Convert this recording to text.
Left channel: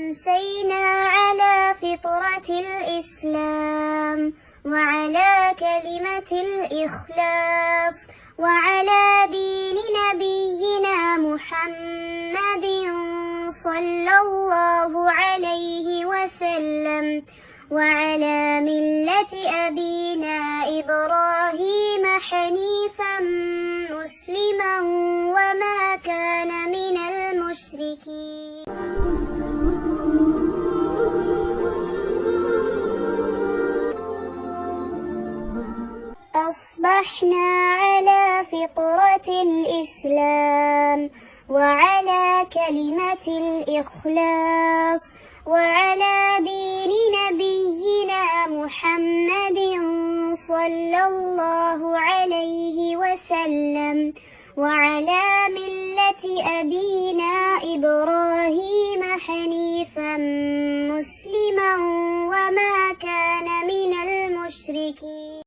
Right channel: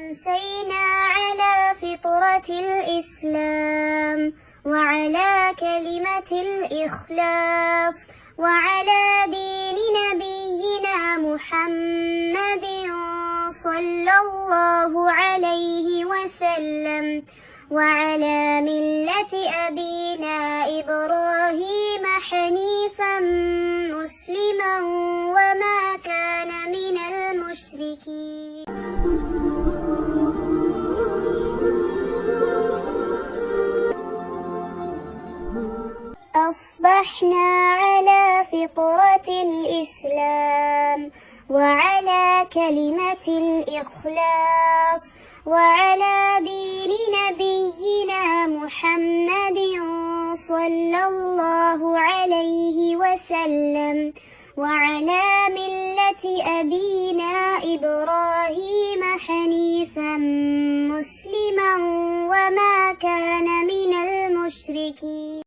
أمسينا على فطرة الإسلام وعلى كلمة الإخلاص وعلى دين نبينا محمد صلى الله عليه وسلم وعلى ملة أبينا إبراهيم حنيفا مسلما وما كان من المشركين. أصبحنا على فطرة الإسلام وعلى كلمة الإخلاص وعلى دين نبينا محمد صلى الله عليه وسلم وعلى ملة أبينا إبراهيم حنيفا مسلما وما كان من المشركين.